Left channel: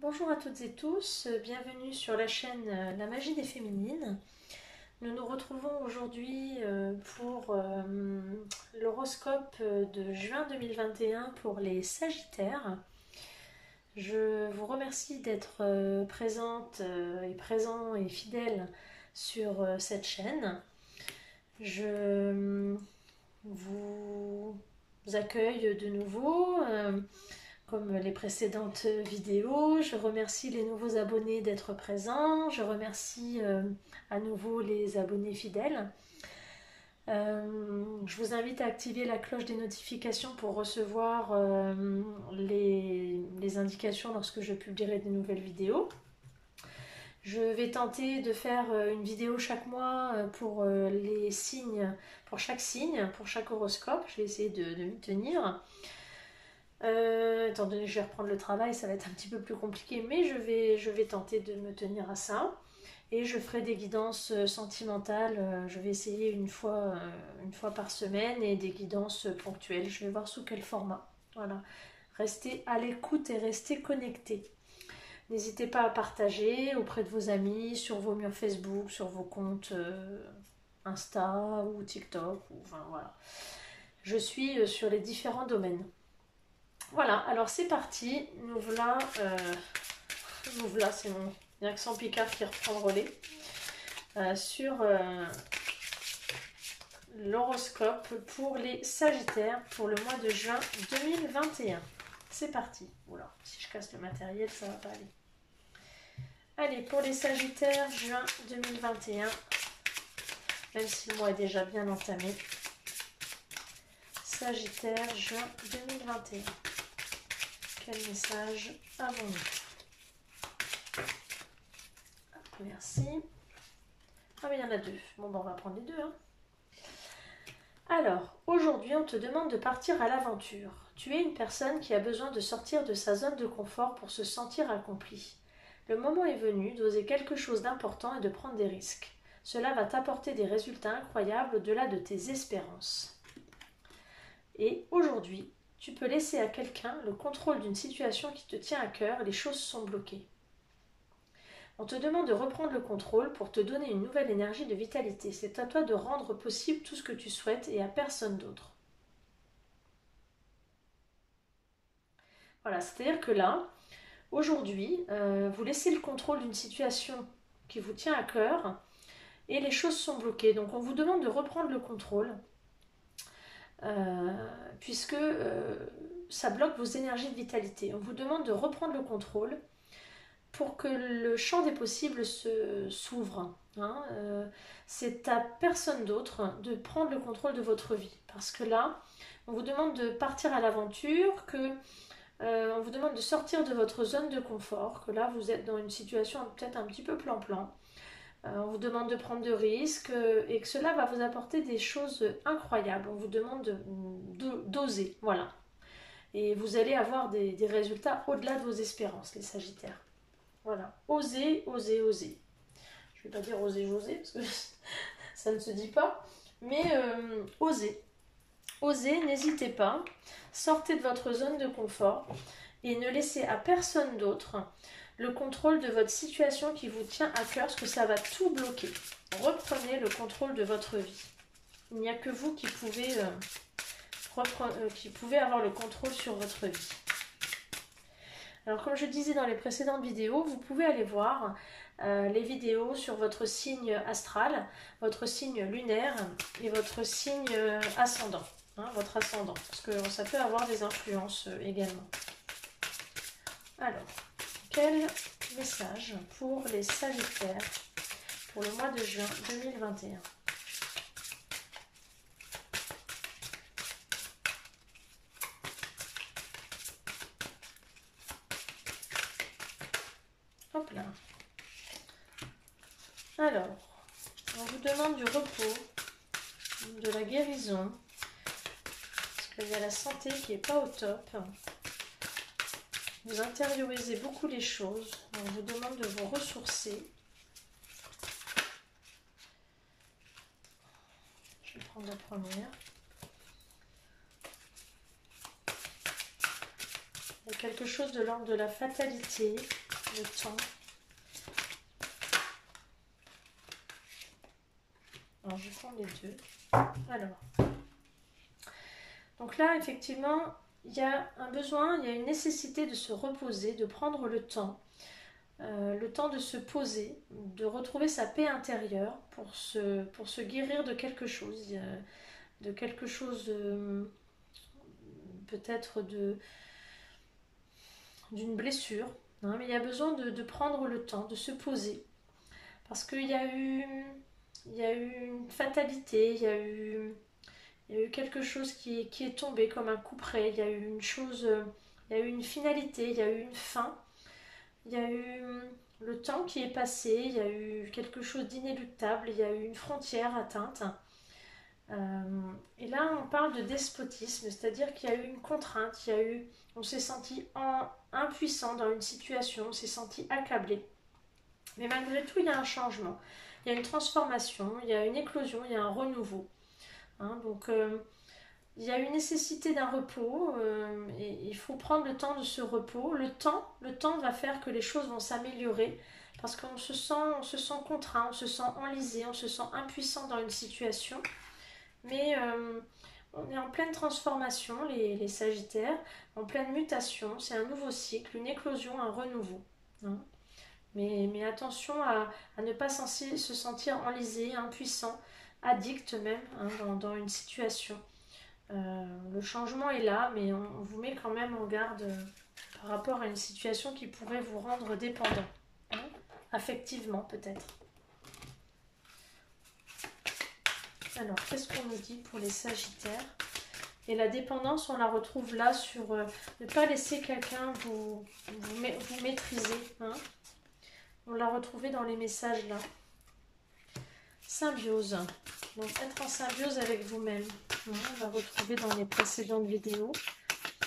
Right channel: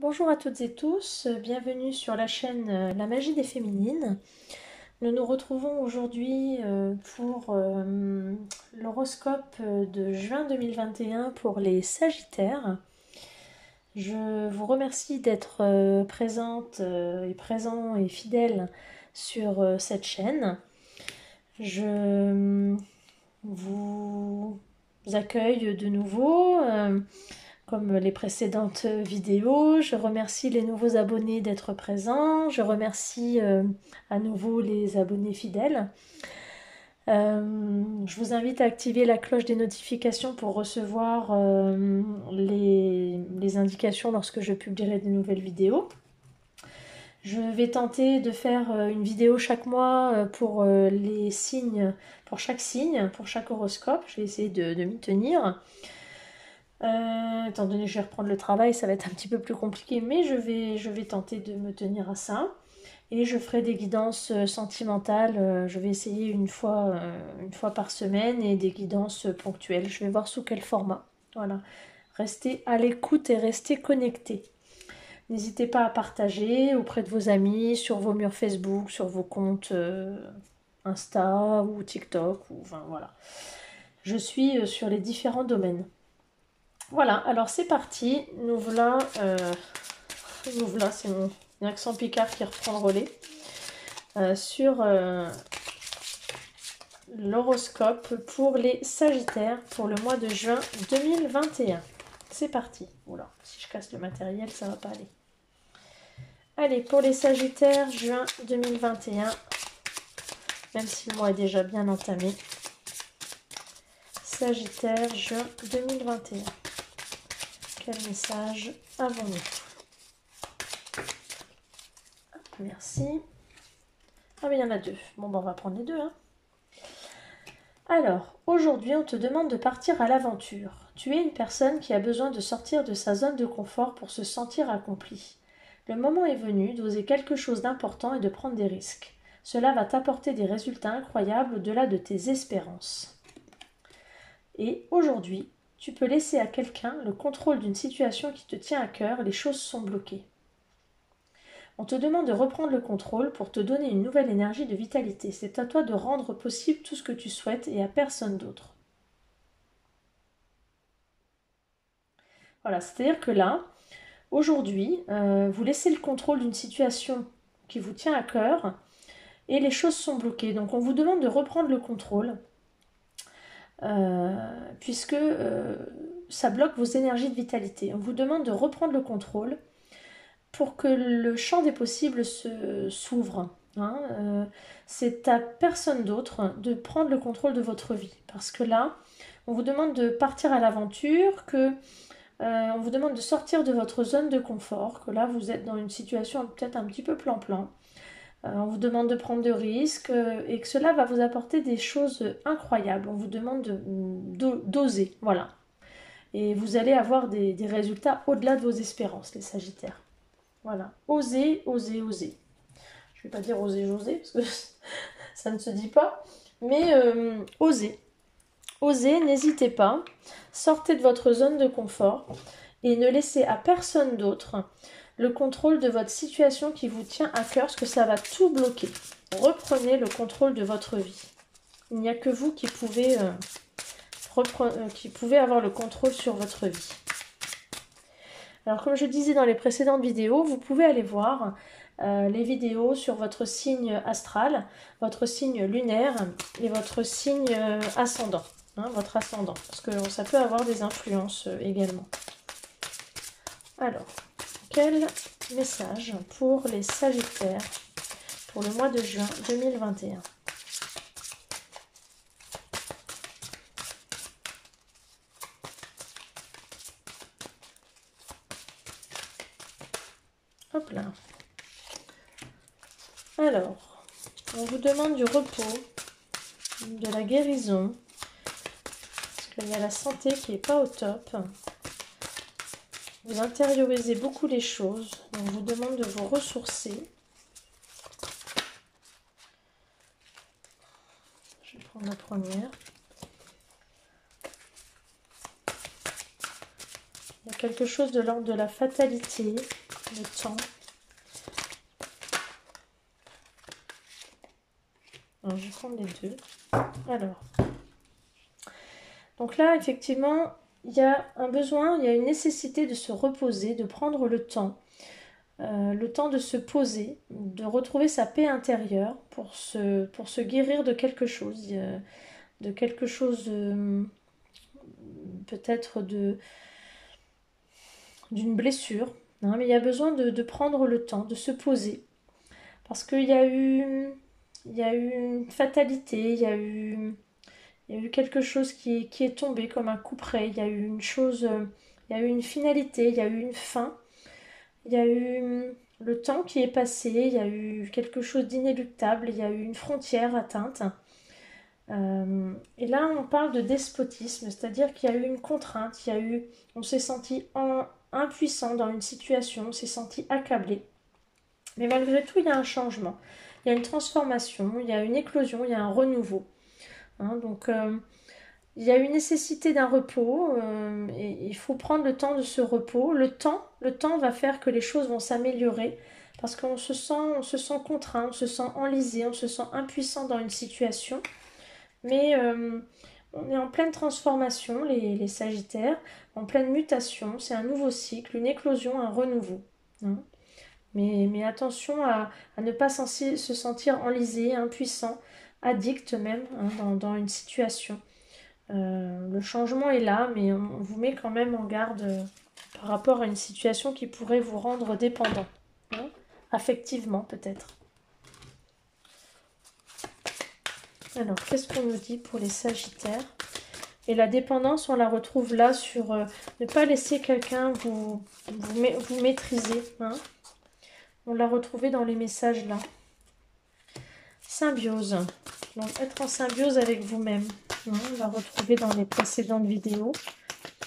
Bonjour à toutes et tous, bienvenue sur la chaîne La Magie des Féminines. Nous nous retrouvons aujourd'hui pour l'horoscope de juin 2021 pour les Sagittaires. Je vous remercie d'être présente et présent et fidèle sur cette chaîne. Je vous accueille de nouveau. Comme les précédentes vidéos, je remercie les nouveaux abonnés d'être présents. Je remercie à nouveau les abonnés fidèles. Je vous invite à activer la cloche des notifications pour recevoir les indications lorsque je publierai de nouvelles vidéos. Je vais tenter de faire une vidéo chaque mois pour les signes, pour chaque signe, pour chaque horoscope. Je vais essayer de m'y tenir. Étant donné que je vais reprendre le travail, ça va être un petit peu plus compliqué, mais je vais tenter de me tenir à ça. Et je ferai des guidances sentimentales. Je vais essayer une fois par semaine et des guidances ponctuelles. Je vais voir sous quel format. Voilà. Restez à l'écoute et restez connectés. N'hésitez pas à partager auprès de vos amis, sur vos murs Facebook, sur vos comptes Insta ou TikTok. Enfin, voilà. Je suis sur les différents domaines. Voilà, alors c'est parti, nous voilà, c'est mon accent picard qui reprend le relais, sur l'horoscope pour les Sagittaires pour le mois de juin 2021. C'est parti. Oula, si je casse le matériel, ça va pas aller. Allez, pour les Sagittaires, juin 2021, même si le mois est déjà bien entamé. Sagittaire, juin 2021. Quel message avons-nous? Merci. Ah mais il y en a deux. Bon, ben, on va prendre les deux. Hein. Alors, aujourd'hui, on te demande de partir à l'aventure. Tu es une personne qui a besoin de sortir de sa zone de confort pour se sentir accomplie. Le moment est venu d'oser quelque chose d'important et de prendre des risques. Cela va t'apporter des résultats incroyables au-delà de tes espérances. Et aujourd'hui, tu peux laisser à quelqu'un le contrôle d'une situation qui te tient à cœur, les choses sont bloquées. On te demande de reprendre le contrôle pour te donner une nouvelle énergie de vitalité. C'est à toi de rendre possible tout ce que tu souhaites et à personne d'autre. Voilà, c'est-à-dire que là, aujourd'hui, vous laissez le contrôle d'une situation qui vous tient à cœur et les choses sont bloquées. Donc on vous demande de reprendre le contrôle. Puisque ça bloque vos énergies de vitalité. On vous demande de reprendre le contrôle pour que le champ des possibles s'ouvre. Hein. C'est à personne d'autre de prendre le contrôle de votre vie. Parce que là, on vous demande de partir à l'aventure, on vous demande de sortir de votre zone de confort, que là, vous êtes dans une situation peut-être un petit peu plan-plan. On vous demande de prendre de risques et que cela va vous apporter des choses incroyables. On vous demande d'oser, voilà. Et vous allez avoir des résultats au-delà de vos espérances, les Sagittaires. Voilà, osez, osez, osez. Je ne vais pas dire oser, j'oser, parce que ça ne se dit pas. Mais osez. Osez, n'hésitez pas. Sortez de votre zone de confort et ne laissez à personne d'autre le contrôle de votre situation qui vous tient à cœur, parce que ça va tout bloquer. Reprenez le contrôle de votre vie. Il n'y a que vous qui pouvez avoir le contrôle sur votre vie. Alors comme je disais dans les précédentes vidéos, vous pouvez aller voir les vidéos sur votre signe astral, votre signe lunaire et votre signe ascendant. Hein, votre ascendant, parce que ça peut avoir des influences également. Alors, quel message pour les Sagittaires pour le mois de juin 2021? Hop là. Alors, on vous demande du repos, de la guérison, parce qu'il y a la santé qui n'est pas au top. Vous intériorisez beaucoup les choses. On vous demande de vous ressourcer. Je vais prendre la première. Il y a quelque chose de l'ordre de la fatalité. le temps. Alors, je vais prendre les deux. Alors, donc là, effectivement, il y a un besoin, il y a une nécessité de se reposer, de prendre le temps de se poser, de retrouver sa paix intérieure pour se guérir de quelque chose, peut-être d'une blessure. Hein, mais il y a besoin de prendre le temps, de se poser. Parce qu'il y a eu une fatalité, il y a eu quelque chose qui est tombé comme un coup près, il y a eu une chose, il y a eu une finalité, il y a eu une fin, il y a eu le temps qui est passé, il y a eu quelque chose d'inéluctable, il y a eu une frontière atteinte. Et là, on parle de despotisme, c'est-à-dire qu'il y a eu une contrainte, on s'est senti impuissant dans une situation, on s'est senti accablé. Mais malgré tout, il y a un changement, il y a une transformation, il y a une éclosion, il y a un renouveau. Hein, donc, il y a une nécessité d'un repos et il faut prendre le temps de ce repos. Le temps va faire que les choses vont s'améliorer parce qu'on se sent contraint, on se sent enlisé, on se sent impuissant dans une situation. Mais on est en pleine transformation, les Sagittaires, en pleine mutation. C'est un nouveau cycle, une éclosion, un renouveau. Hein. Mais attention à ne pas se sentir enlisé, impuissant, addict même dans une situation. Le changement est là, mais on vous met quand même en garde par rapport à une situation qui pourrait vous rendre dépendant. Hein, affectivement peut-être. Alors, qu'est-ce qu'on nous dit pour les Sagittaires? Et la dépendance, on la retrouve là sur ne pas laisser quelqu'un vous maîtriser. Hein. On l'a retrouvée dans les messages là. Symbiose. Donc, être en symbiose avec vous-même. Hein, on l'a retrouvé dans les précédentes vidéos.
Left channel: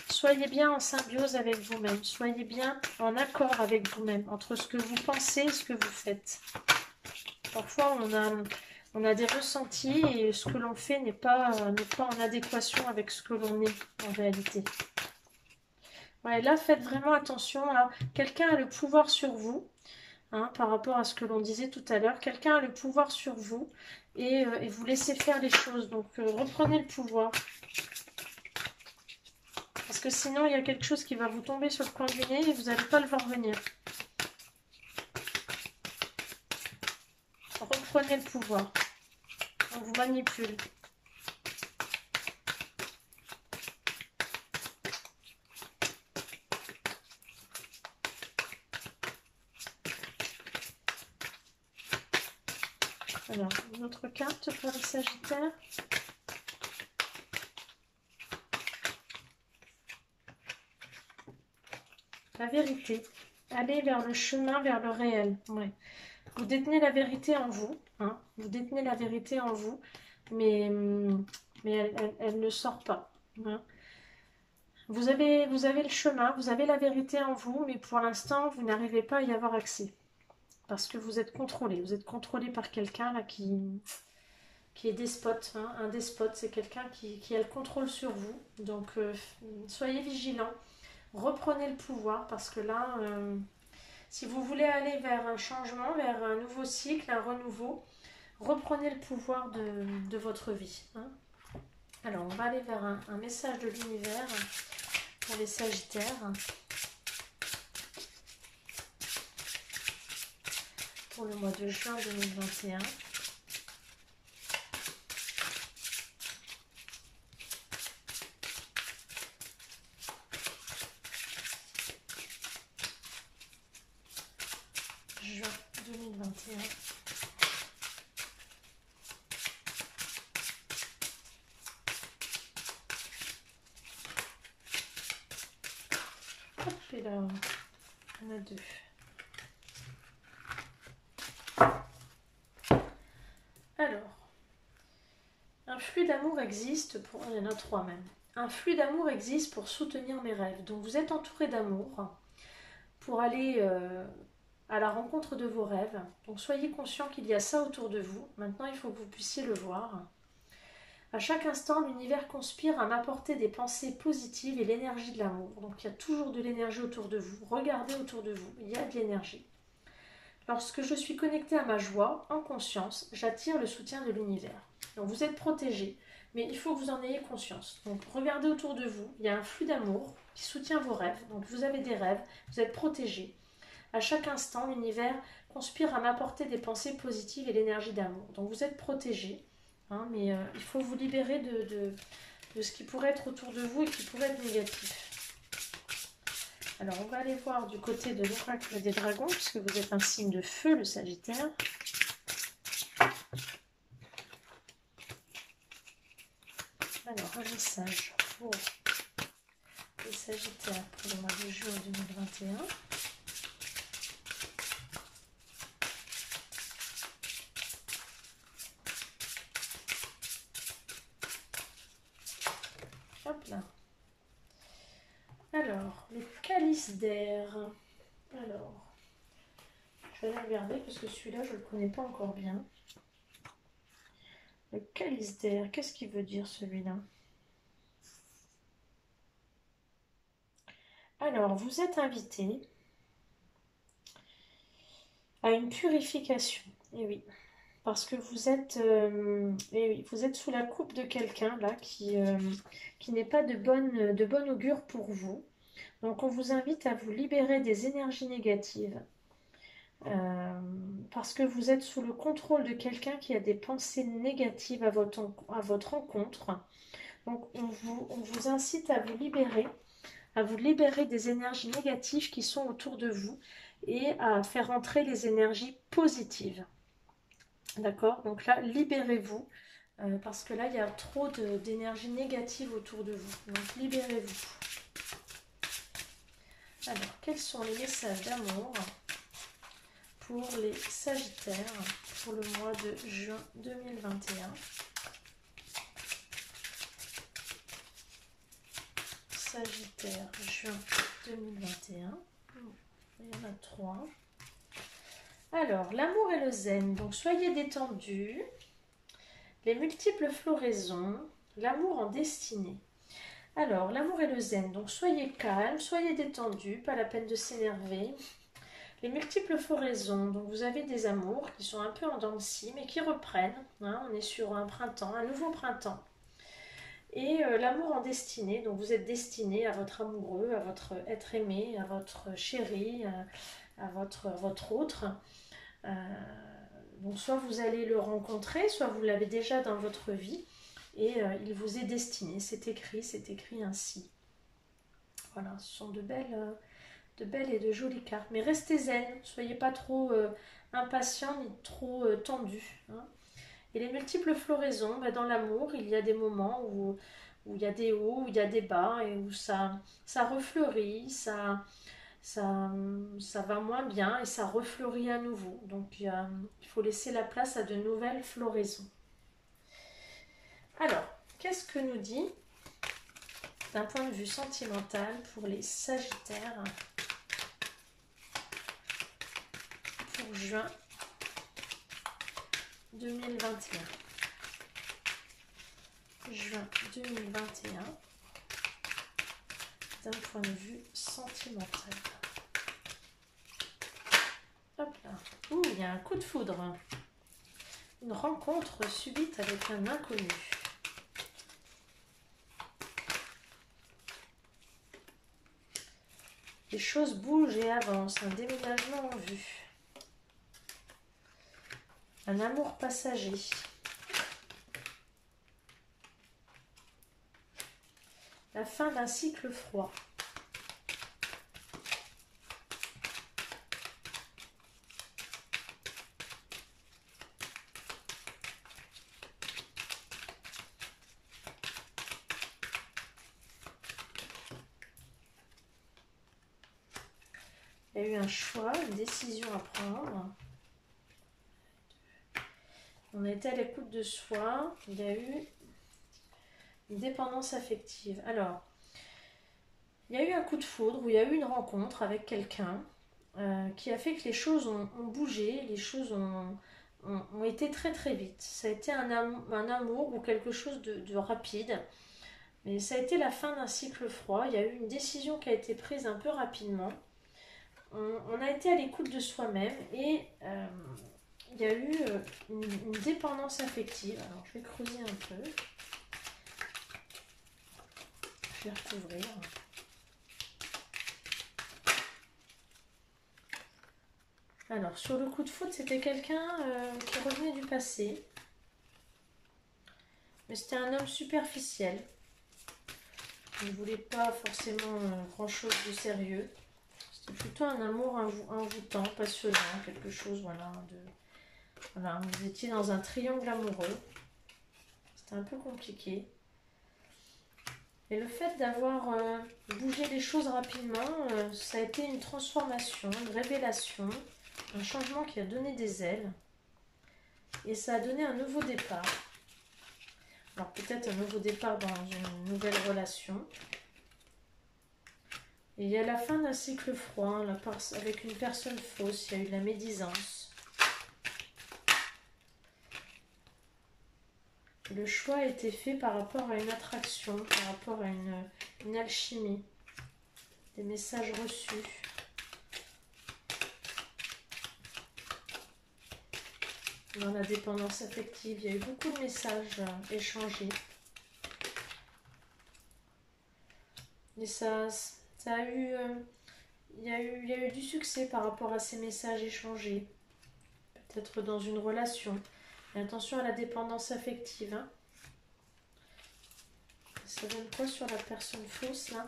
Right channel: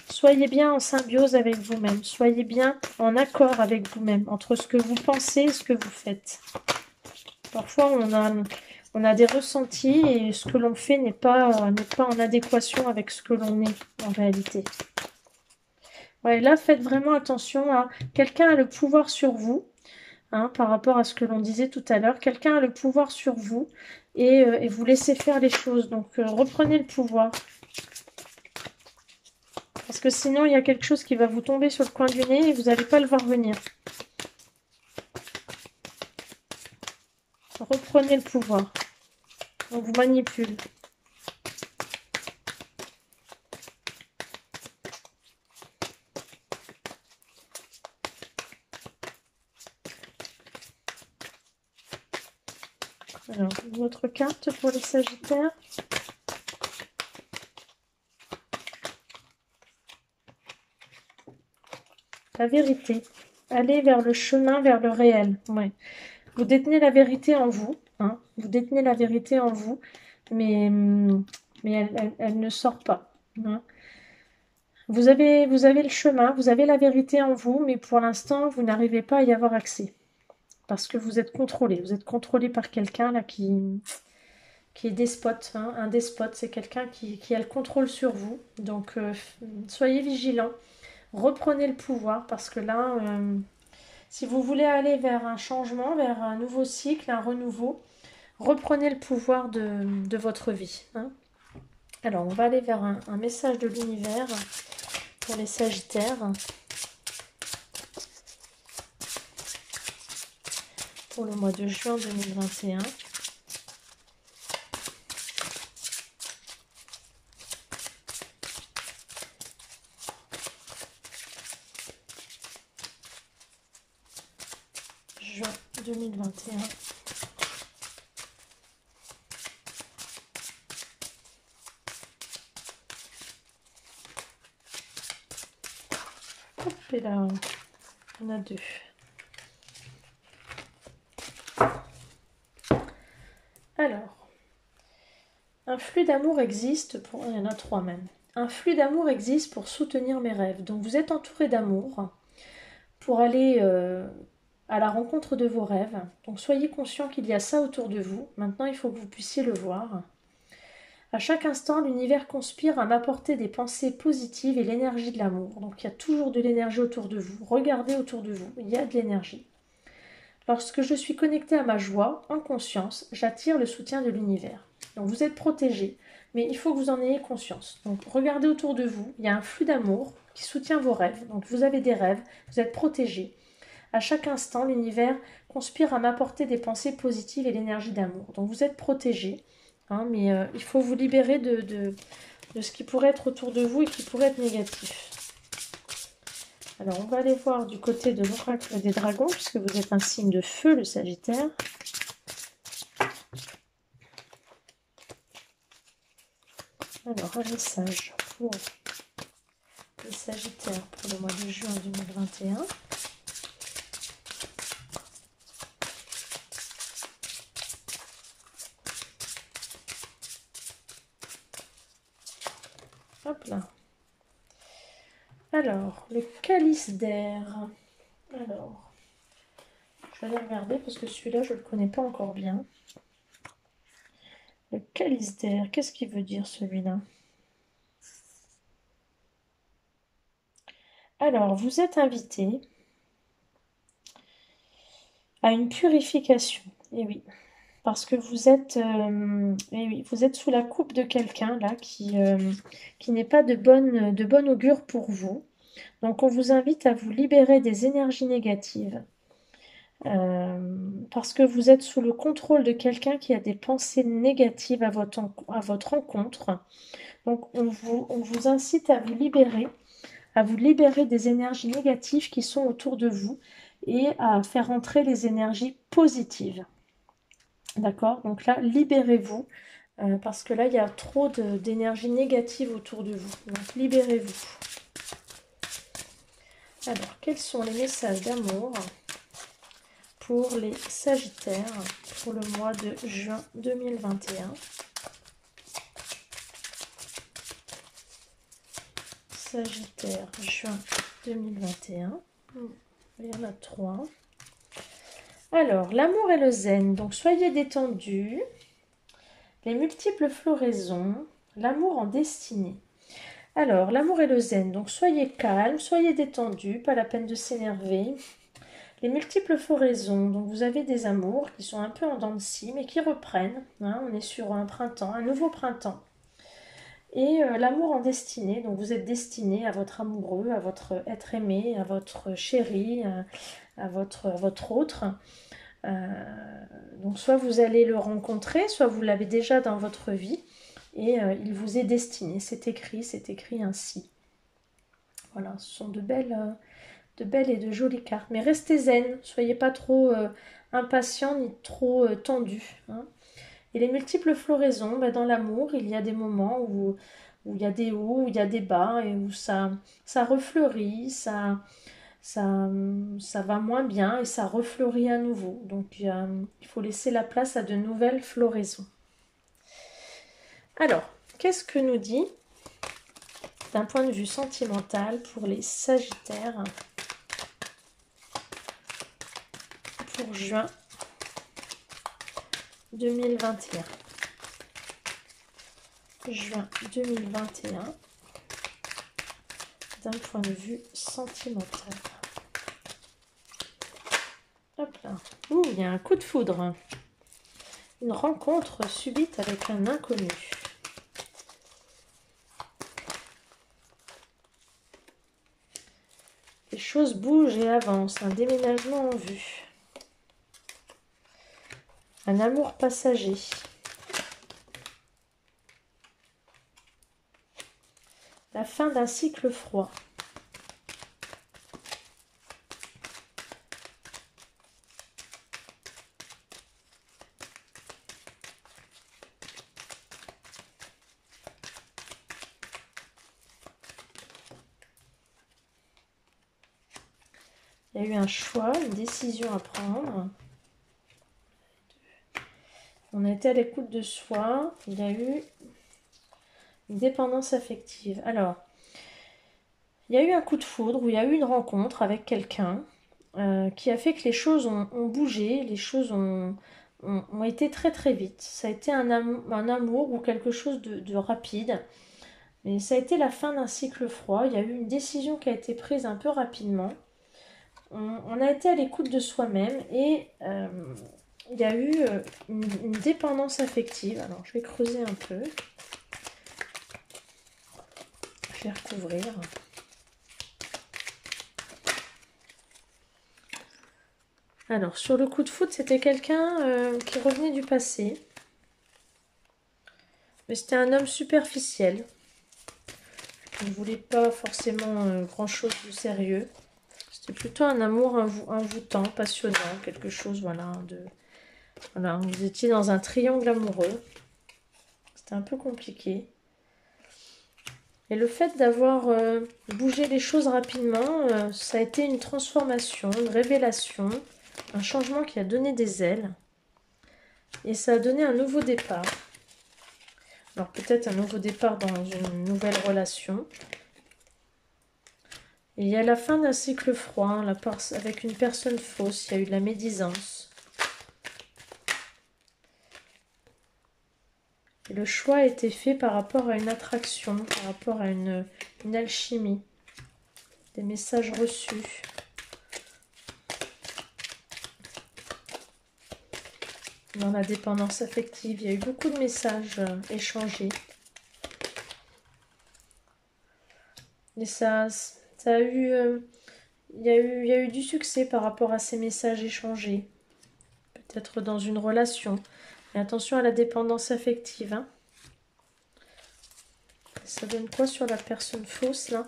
Soyez bien en symbiose avec vous-même. Soyez bien en accord avec vous-même, entre ce que vous pensez et ce que vous faites. Parfois, on a des ressentis et ce que l'on fait n'est pas en adéquation avec ce que l'on est en réalité. Ouais, là, faites vraiment attention à... Quelqu'un a le pouvoir sur vous, hein, par rapport à ce que l'on disait tout à l'heure. Quelqu'un a le pouvoir sur vous et vous laissez faire les choses. Donc, reprenez le pouvoir. Parce que sinon, il y a quelque chose qui va vous tomber sur le coin du nez et vous n'allez pas le voir venir. Reprenez le pouvoir. On vous manipule. Alors, une autre carte pour les Sagittaires. La vérité. Allez vers le chemin, vers le réel. Ouais. Vous détenez la vérité en vous. Hein. Vous détenez la vérité en vous. Mais elle ne sort pas. Hein. Vous avez le chemin, vous avez la vérité en vous, mais pour l'instant, vous n'arrivez pas à y avoir accès. Parce que vous êtes contrôlé. Vous êtes contrôlé par quelqu'un là qui est despote. Hein. Un despote, c'est quelqu'un qui a le contrôle sur vous. Donc, soyez vigilants. Reprenez le pouvoir parce que là, si vous voulez aller vers un changement, vers un nouveau cycle, un renouveau, reprenez le pouvoir de votre vie. Hein. Alors, on va aller vers un message de l'univers pour les Sagittaires. Pour le mois de juin 2021. Juin 2021. Hop, et là, on a deux. Alors, un flux d'amour existe pour... Il y en a trois même. Un flux d'amour existe pour soutenir mes rêves. Donc vous êtes entouré d'amour pour aller à la rencontre de vos rêves. Donc soyez conscient qu'il y a ça autour de vous. Maintenant, il faut que vous puissiez le voir. À chaque instant, l'univers conspire à m'apporter des pensées positives et l'énergie de l'amour. Donc il y a toujours de l'énergie autour de vous. Regardez autour de vous, il y a de l'énergie. Lorsque je suis connectée à ma joie, en conscience, j'attire le soutien de l'univers. Donc vous êtes protégé, mais il faut que vous en ayez conscience. Donc regardez autour de vous, il y a un flux d'amour qui soutient vos rêves. Donc vous avez des rêves, vous êtes protégé. À chaque instant, l'univers conspire à m'apporter des pensées positives et l'énergie d'amour. Donc vous êtes protégé, hein, mais il faut vous libérer de ce qui pourrait être autour de vous et qui pourrait être négatif. Alors, on va aller voir du côté de l'oracle des dragons, puisque vous êtes un signe de feu, le Sagittaire. Alors, un message pour le Sagittaire pour le mois de juin 2021. Hop là. Alors, le calice d'air. Alors, je vais aller regarder parce que celui-là, je ne le connais pas encore bien. Le calice d'air, qu'est-ce qu'il veut dire celui-là? Alors, vous êtes invité à une purification. Et oui, parce que vous êtes, eh oui, vous êtes sous la coupe de quelqu'un là qui n'est pas de bonne augure pour vous. Donc, on vous invite à vous libérer des énergies négatives. Parce que vous êtes sous le contrôle de quelqu'un qui a des pensées négatives à votre rencontre. Donc, on vous incite à vous libérer des énergies négatives qui sont autour de vous et à faire entrer les énergies positives. D'accord? Donc là, libérez-vous parce que là, il y a trop d'énergie négative autour de vous. Donc, libérez-vous. Alors, quels sont les messages d'amour pour les Sagittaires pour le mois de juin 2021? Sagittaire, juin 2021. Il y en a 3. Alors, l'amour et le zen. Donc, soyez détendus. Les multiples floraisons. L'amour en destinée. Alors, l'amour et le zen. Donc, soyez calme, soyez détendus. Pas la peine de s'énerver. Les multiples floraisons. Donc, vous avez des amours qui sont un peu en dents de scie, mais qui reprennent. Hein, on est sur un printemps, un nouveau printemps. Et l'amour en destinée, donc vous êtes destiné à votre amoureux, à votre être aimé, à votre chéri, à votre autre. Donc soit vous allez le rencontrer, soit vous l'avez déjà dans votre vie et il vous est destiné. C'est écrit ainsi. Voilà, ce sont de belles et de jolies cartes. Mais restez zen, soyez pas trop impatient ni trop tendu. Hein. Et les multiples floraisons, ben dans l'amour, il y a des moments où il y a des hauts, où il y a des bas, et où ça refleurit, ça va moins bien, et ça refleurit à nouveau. Donc il faut laisser la place à de nouvelles floraisons. Alors, qu'est-ce que nous dit, d'un point de vue sentimental, pour les Sagittaires pour juin 2021? Juin 2021, d'un point de vue sentimental. Hop là. Ouh, il y a un coup de foudre. Une rencontre subite avec un inconnu. Les choses bougent et avancent. Un déménagement en vue. Un amour passager. La fin d'un cycle froid. Il y a eu un choix, une décision à prendre. On était à l'écoute de soi. Il y a eu une dépendance affective. Alors, il y a eu un coup de foudre, où il y a eu une rencontre avec quelqu'un qui a fait que les choses ont bougé, les choses ont ont été très très vite. Ça a été un amour ou quelque chose de rapide. Mais ça a été la fin d'un cycle froid. Il y a eu une décision qui a été prise un peu rapidement. On a été à l'écoute de soi-même et il y a eu une dépendance affective. Alors, je vais creuser un peu. Je vais recouvrir. Alors, sur le coup de foudre, c'était quelqu'un qui revenait du passé. Mais c'était un homme superficiel. Il ne voulait pas forcément grand-chose de sérieux. C'était plutôt un amour envoûtant, passionnant, quelque chose, voilà, voilà, vous étiez dans un triangle amoureux. C'était un peu compliqué. Et le fait d'avoir bougé les choses rapidement, ça a été une transformation, une révélation, un changement qui a donné des ailes. Et ça a donné un nouveau départ. Alors peut-être un nouveau départ dans une nouvelle relation. Et il y a la fin d'un cycle froid, hein, avec une personne fausse, il y a eu de la médisance. Et le choix a été fait par rapport à une attraction, par rapport à une alchimie, des messages reçus. Dans la dépendance affective, il y a eu beaucoup de messages échangés. Et ça a eu, il y a eu du succès par rapport à ces messages échangés. Peut-être dans une relation. Mais attention à la dépendance affective. Hein. Ça donne quoi sur la personne fausse là?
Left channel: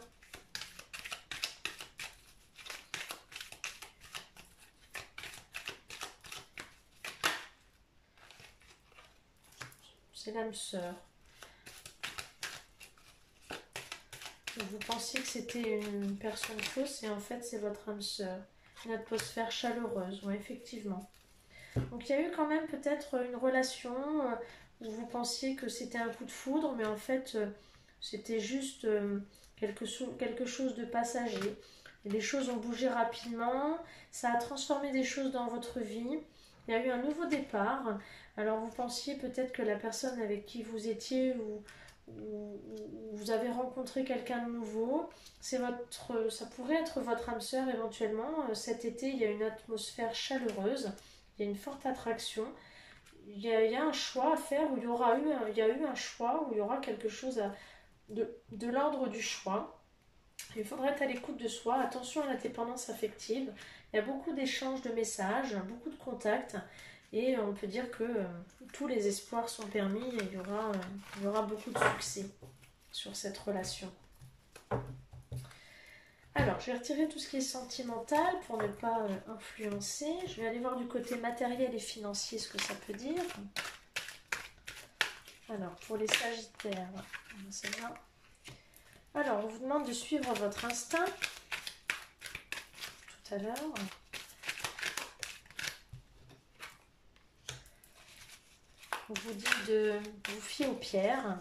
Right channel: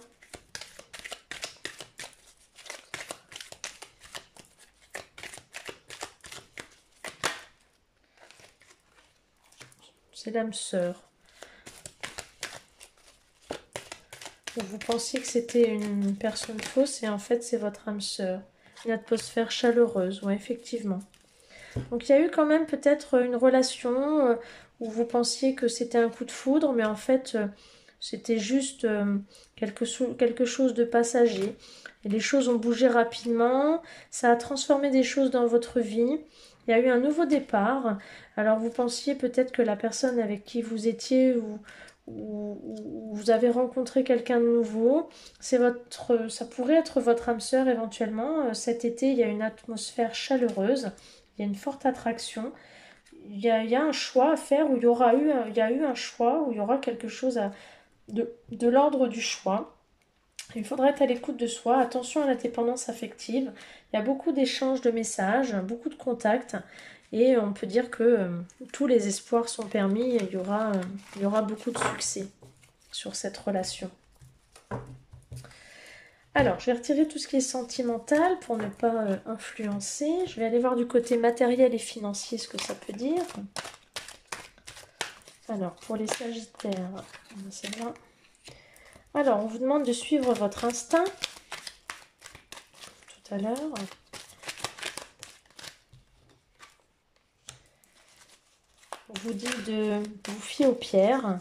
C'est l'âme sœur. Vous pensiez que c'était une personne fausse et en fait c'est votre âme sœur. Une atmosphère chaleureuse, oui, effectivement. Donc il y a eu quand même peut-être une relation où vous pensiez que c'était un coup de foudre, mais en fait c'était juste quelque chose de passager. Et les choses ont bougé rapidement, ça a transformé des choses dans votre vie. Il y a eu un nouveau départ. Alors vous pensiez peut-être que la personne avec qui vous étiez ou vous avez rencontré quelqu'un de nouveau, ça pourrait être votre âme sœur éventuellement. Cet été, il y a une atmosphère chaleureuse. Il y a une forte attraction. Il y a un choix à faire où il y a eu un choix, où il y aura quelque chose de l'ordre du choix. Il faudra être à l'écoute de soi. Attention à la dépendance affective. Il y a beaucoup d'échanges de messages, beaucoup de contacts. Et on peut dire que tous les espoirs sont permis et il y aura beaucoup de succès sur cette relation. Alors, je vais retirer tout ce qui est sentimental pour ne pas influencer. Je vais aller voir du côté matériel et financier ce que ça peut dire. Alors, pour les Sagittaires, c'est bien. Alors, on vous demande de suivre votre instinct. Tout à l'heure. On vous dit de vous fier aux pierres.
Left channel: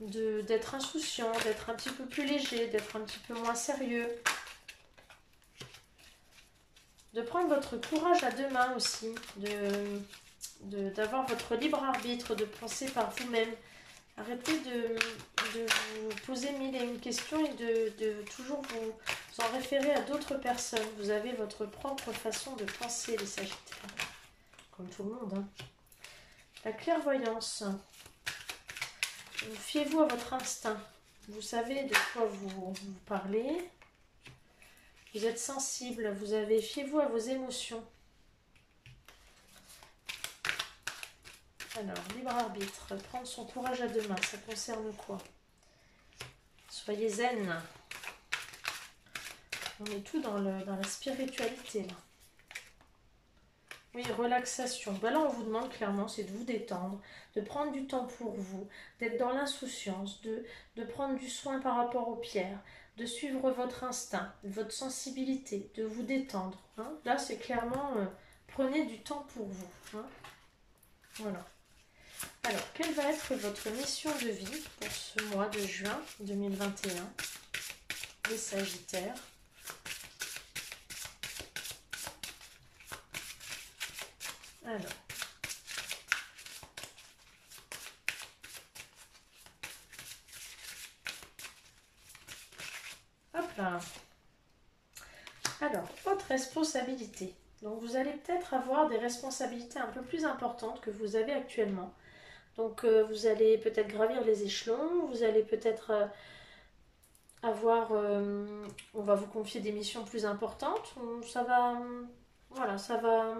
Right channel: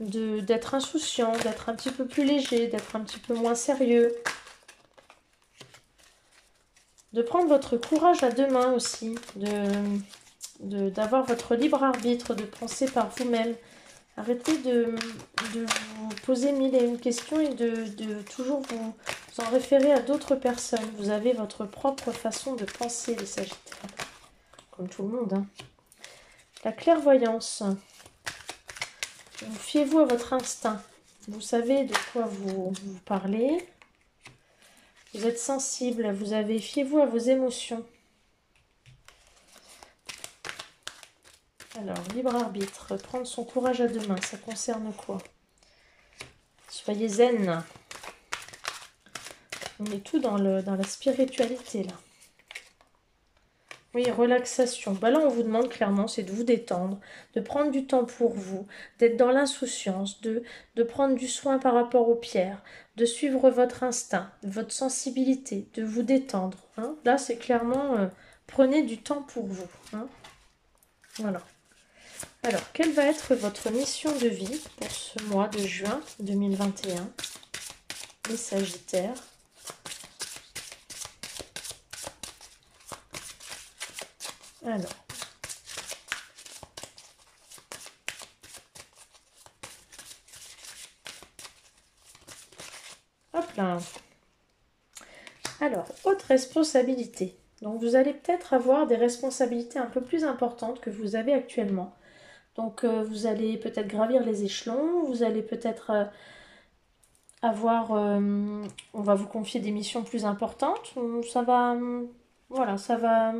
D'être insouciant, d'être un petit peu plus léger, d'être un petit peu moins sérieux. De prendre votre courage à deux mains aussi, d'avoir votre libre arbitre, de penser par vous-même. Arrêtez de vous poser mille et une questions et de toujours vous en référer à d'autres personnes. Vous avez votre propre façon de penser, les Sagittaires, comme tout le monde. Hein. La clairvoyance. Fiez-vous à votre instinct. Vous savez de quoi vous parlez. Vous êtes sensible. Fiez-vous à vos émotions. Alors, libre arbitre. Prendre son courage à deux mains. Ça concerne quoi? Soyez zen. On est tout dans la spiritualité là. Oui, relaxation. Là, on vous demande clairement, c'est de vous détendre, de prendre du temps pour vous, d'être dans l'insouciance, de prendre du soin par rapport aux pierres, de suivre votre instinct, votre sensibilité, de vous détendre. Hein. Là, c'est clairement, prenez du temps pour vous. Hein. Voilà. Alors, quelle va être votre mission de vie pour ce mois de juin 2021, les Sagittaires? Alors, hop là. Alors, autre responsabilité. Donc, vous allez peut-être avoir des responsabilités un peu plus importantes que vous avez actuellement. Donc, vous allez peut-être gravir les échelons, vous allez peut-être avoir... on va vous confier des missions plus importantes. Ça va... voilà, ça va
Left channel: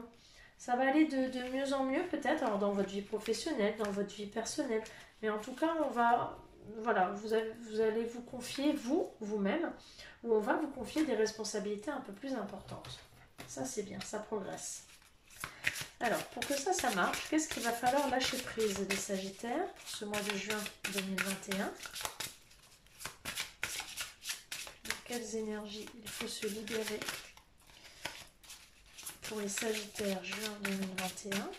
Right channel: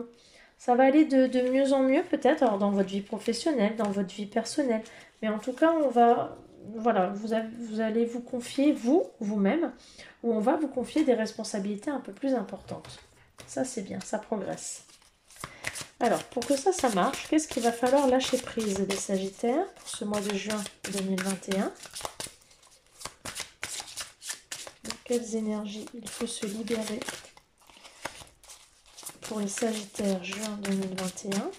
aller de mieux en mieux peut-être, alors dans votre vie professionnelle, dans votre vie personnelle. Mais en tout cas, on va... Voilà, vous allez vous confier, vous-même, ou on va vous confier des responsabilités un peu plus importantes. Ça, c'est bien, ça progresse. Alors, pour que ça marche, qu'est-ce qu'il va falloir lâcher prise, les Sagittaires, pour ce mois de juin 2021? De quelles énergies il faut se libérer pour les Sagittaires juin 2021?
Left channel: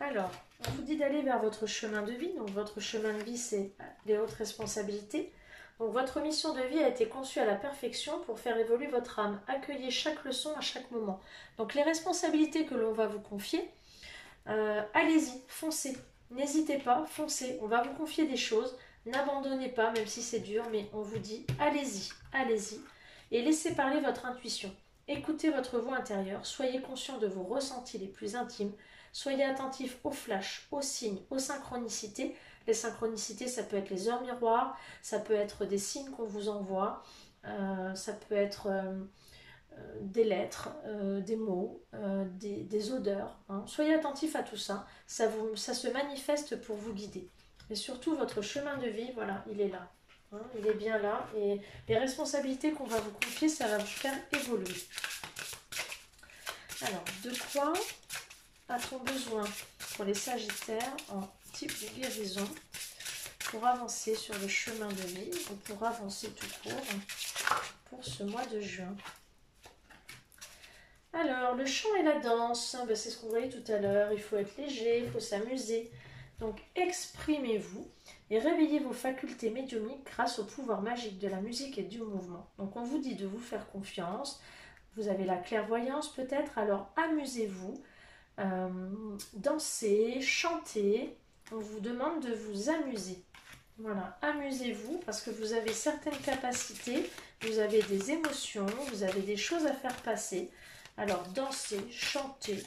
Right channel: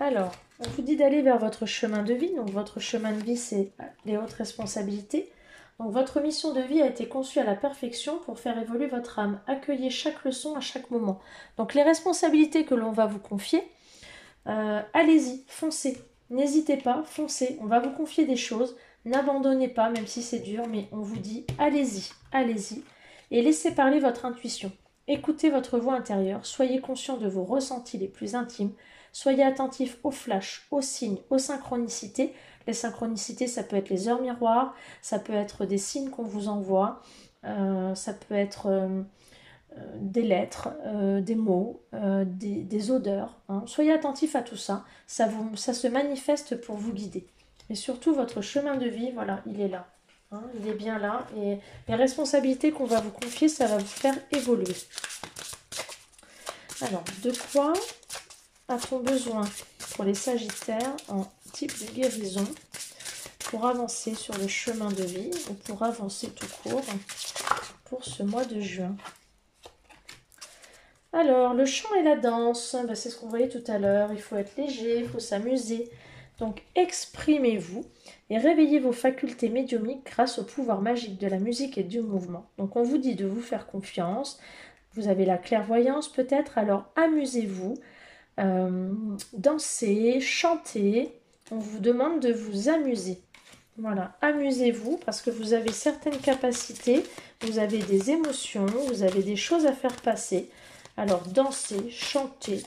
Alors, on vous dit d'aller vers votre chemin de vie. Donc, votre chemin de vie, c'est les hautes responsabilités. Donc, votre mission de vie a été conçue à la perfection pour faire évoluer votre âme. Accueillez chaque leçon à chaque moment. Donc, les responsabilités que l'on va vous confier, allez-y, foncez. N'hésitez pas, foncez. On va vous confier des choses. N'abandonnez pas, même si c'est dur, mais on vous dit allez-y, allez-y. Et laissez parler votre intuition. Écoutez votre voix intérieure. Soyez conscient de vos ressentis les plus intimes. Soyez attentifs aux flashs, aux signes, aux synchronicités. Les synchronicités, ça peut être les heures miroirs, ça peut être des signes qu'on vous envoie, ça peut être des lettres, des mots, des odeurs. Hein. Soyez attentifs à tout ça. Ça se manifeste pour vous guider. Et surtout, votre chemin de vie, voilà, il est là. Hein, il est bien là. Et les responsabilités qu'on va vous confier, ça va vous faire évoluer. Alors, de quoi a-t-on besoin pour les Sagittaires en type de guérison pour avancer sur le chemin de vie ou pour avancer tout court pour ce mois de juin? Alors, le chant et la danse, ben, c'est ce qu'on voyait tout à l'heure. Il faut être léger, il faut s'amuser. Donc, exprimez-vous et réveillez vos facultés médiumniques grâce au pouvoir magique de la musique et du mouvement. Donc, on vous dit de vous faire confiance. Vous avez la clairvoyance peut-être, alors amusez-vous. Danser, chanter, on vous demande de vous amuser. Voilà, amusez-vous parce que vous avez certaines capacités, vous avez des émotions, vous avez des choses à faire passer. Alors dansez, chantez,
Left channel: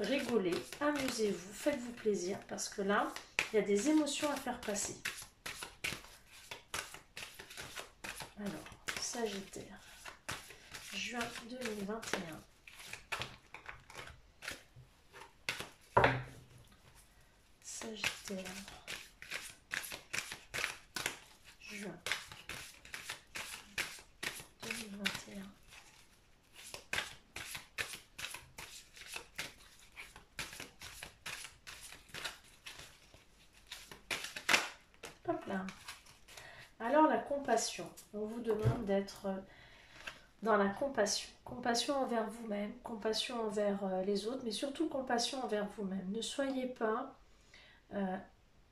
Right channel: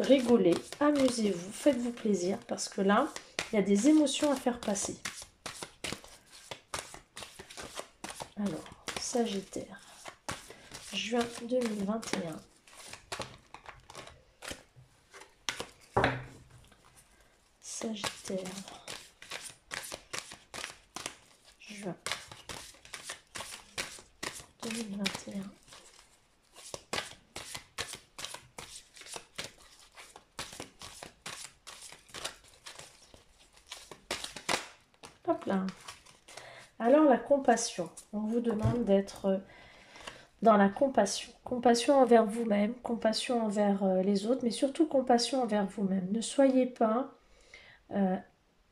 rigolez, amusez-vous, faites-vous plaisir parce que là, il y a des émotions à faire passer. Alors, Sagittaire, juin 2021. Sagittaire, juin 2021. Hop là. Alors la compassion, on vous demande d'être dans la compassion. Compassion envers vous-même, compassion envers les autres, mais surtout compassion envers vous-même. Ne soyez pas...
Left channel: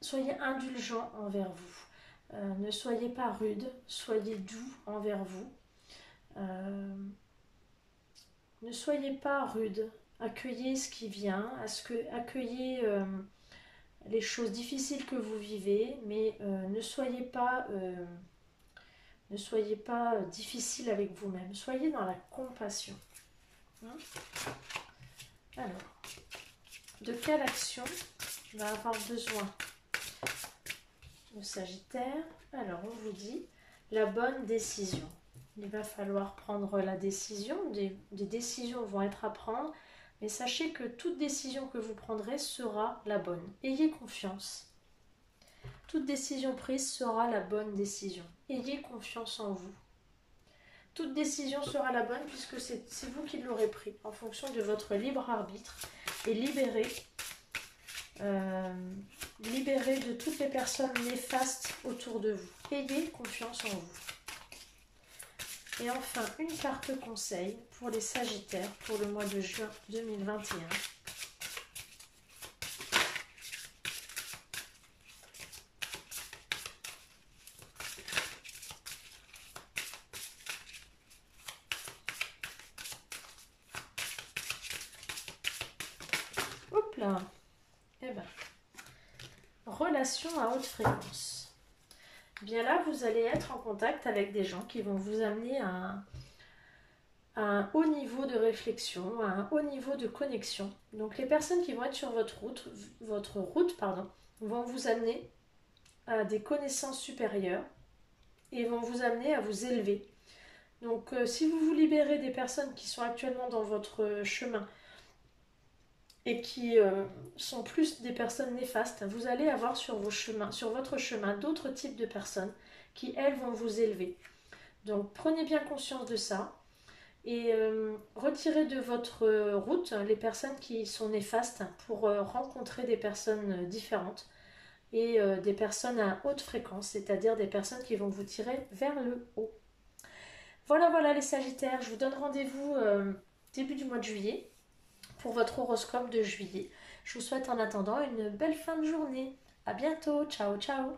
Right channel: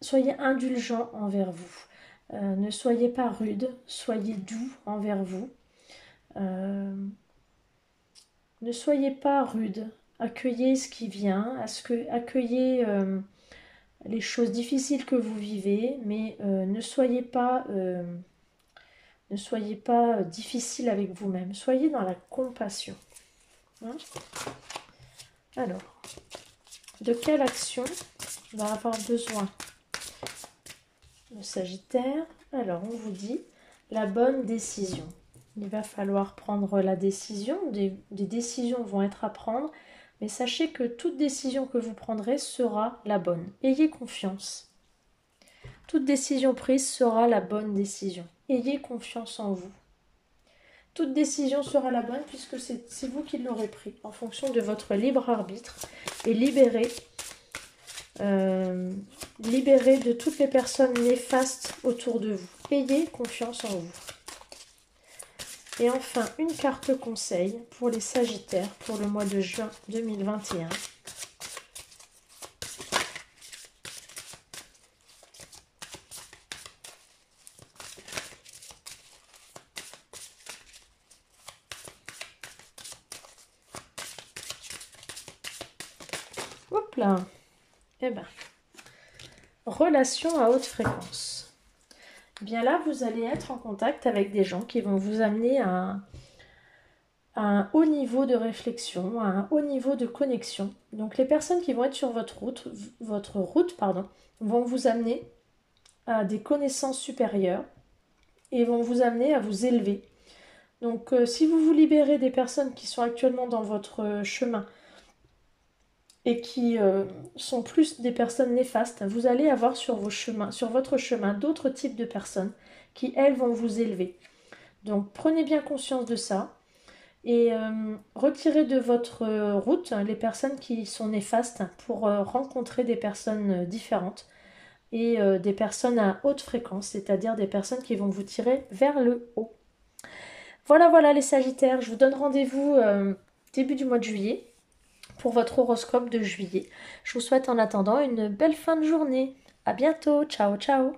soyez indulgent envers vous. Ne soyez pas rude, soyez doux envers vous. Ne soyez pas rude. Accueillez ce qui vient, accueillez les choses difficiles que vous vivez, mais ne soyez pas difficile avec vous-même. Soyez dans la compassion. Hein? Alors, de quelle action va avoir besoin le Sagittaire? Alors, on vous dit la bonne décision. Il va falloir prendre la décision. Des décisions vont être à prendre. Mais sachez que toute décision que vous prendrez sera la bonne. Ayez confiance. Toute décision prise sera la bonne décision. Ayez confiance en vous. Toute décision sera la bonne puisque c'est vous qui l'aurez pris en fonction de votre libre arbitre et libéré de toutes les personnes néfastes autour de vous. Ayez confiance en vous. Et enfin, une carte conseil pour les Sagittaires pour le mois de juin 2021. Hop là. Eh ben, relation à haute fréquence. Eh bien là, vous allez être en contact avec des gens qui vont vous amener à un haut niveau de réflexion, à un haut niveau de connexion. Donc les personnes qui vont être sur votre route, pardon, vont vous amener à des connaissances supérieures et vont vous amener à vous élever. Donc si vous vous libérez des personnes qui sont actuellement dans votre chemin et qui sont plus des personnes néfastes, vous allez avoir sur votre chemin d'autres types de personnes qui, elles, vont vous élever. Donc prenez bien conscience de ça et retirez de votre route les personnes qui sont néfastes pour rencontrer des personnes différentes et des personnes à haute fréquence, c'est-à-dire des personnes qui vont vous tirer vers le haut. Voilà, voilà les Sagittaires, je vous donne rendez-vous début du mois de juillet pour votre horoscope de juillet. Je vous souhaite en attendant une belle fin de journée. À bientôt, ciao ciao.